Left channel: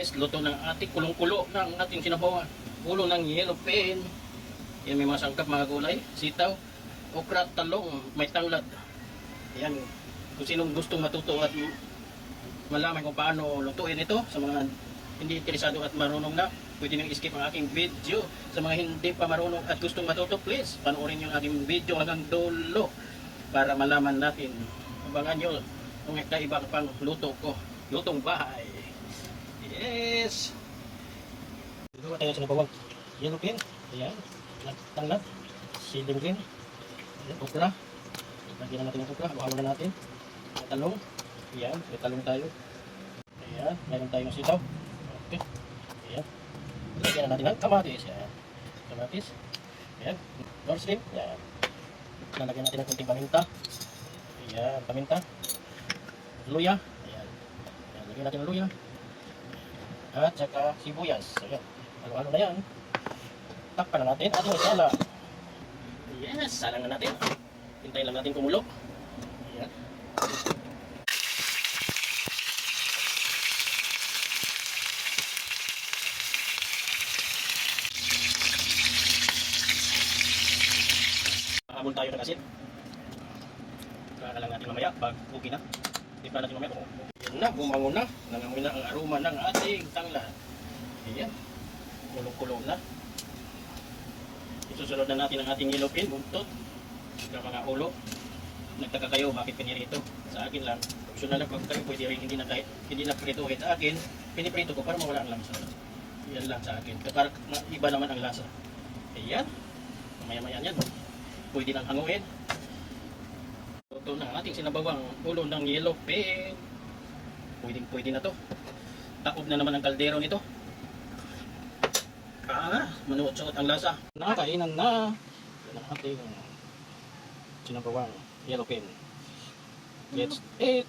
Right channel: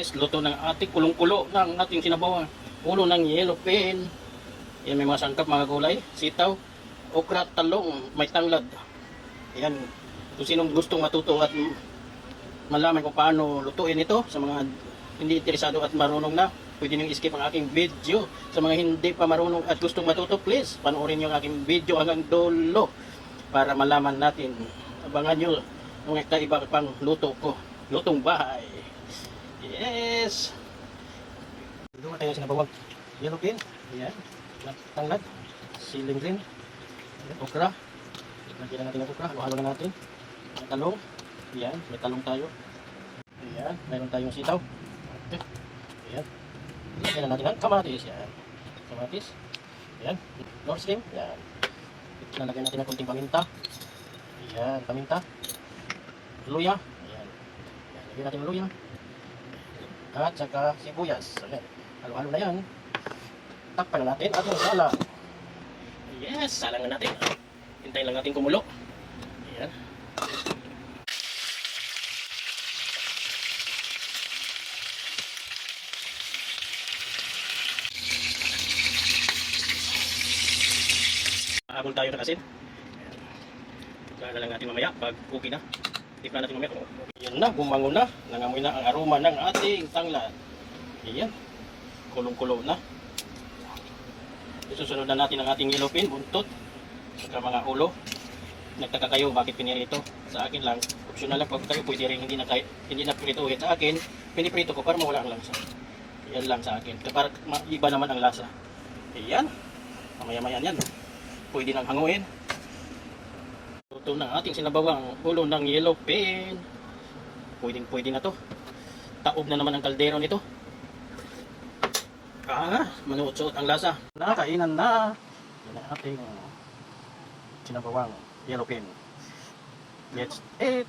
Guys, luto ng ating kulong-kulo ng ating sinabawang ulo ng yellow pin. Yan, may mga sangkap, mga gulay, sitaw, okra, talong, may tanglad. Yan, kung sinong gustong matuto at malaman kung paano lutuin ito sa mga hindi interesado at marunong na, pwede nyo i-skip ang aking video. Sa mga hindi pa marunong at gustong matuto, please panoorin nyo ang aking video hanggang dulo para malaman natin. Abangan nyo kung iba pang luto ko, lutong bahay. Yes! Dito tayo sinabawang yellow pin. Ayan. Tanglad. Siling green. Ayan. Okra. Lagyan na natin yung okra. Halo na natin. May talong. Ayan. May talong tayo. Ayan. Mayroon tayong sitaw. Okay. Ayan. Lagyan na natin ang kamatis. Ayan. Kamatis. Ayan. North slim. Ayan. Lalagyan natin ng konting paminta. Ayan. Paminta. Luya. Ayan. Ayan. Lagyan natin yung luya. At saka sibuyas. Ayan. Halo-halo na yan. Takpan na natin at masala. Yes, salangan natin. Hintayin lang natin kumulo. Ayan. Habol tayo ng asin. Saka lang natin mamaya pag okay na. Tignan natin mamaya kung okay. Yan na, bumangon na. Nangamoy na ang aroma ng ating tanglad. Ayan. Kulong-kulo na. Isusunod na natin ang ating yellow pin, buntot, saka mga ulo. Nagtaka kayo bakit ganyan ito. Sa akin lang, optional lang. Pag kayo pwede rin hindi na prituhin. Sa akin, piniprito ko para mawala ang lasa. Yan lang sa akin. Para iba naman ang lasa. Ayan. Mamaya-maya yan. Pwede nang hanguin. Ito na ating sinabawang ulo ng yellow pin. Pwede na to. Taob na naman ang kaldero nito. Manuot-suot ang lasa. Nakainan na. Yan ang ating sinabawang yellow pin. Let's eat!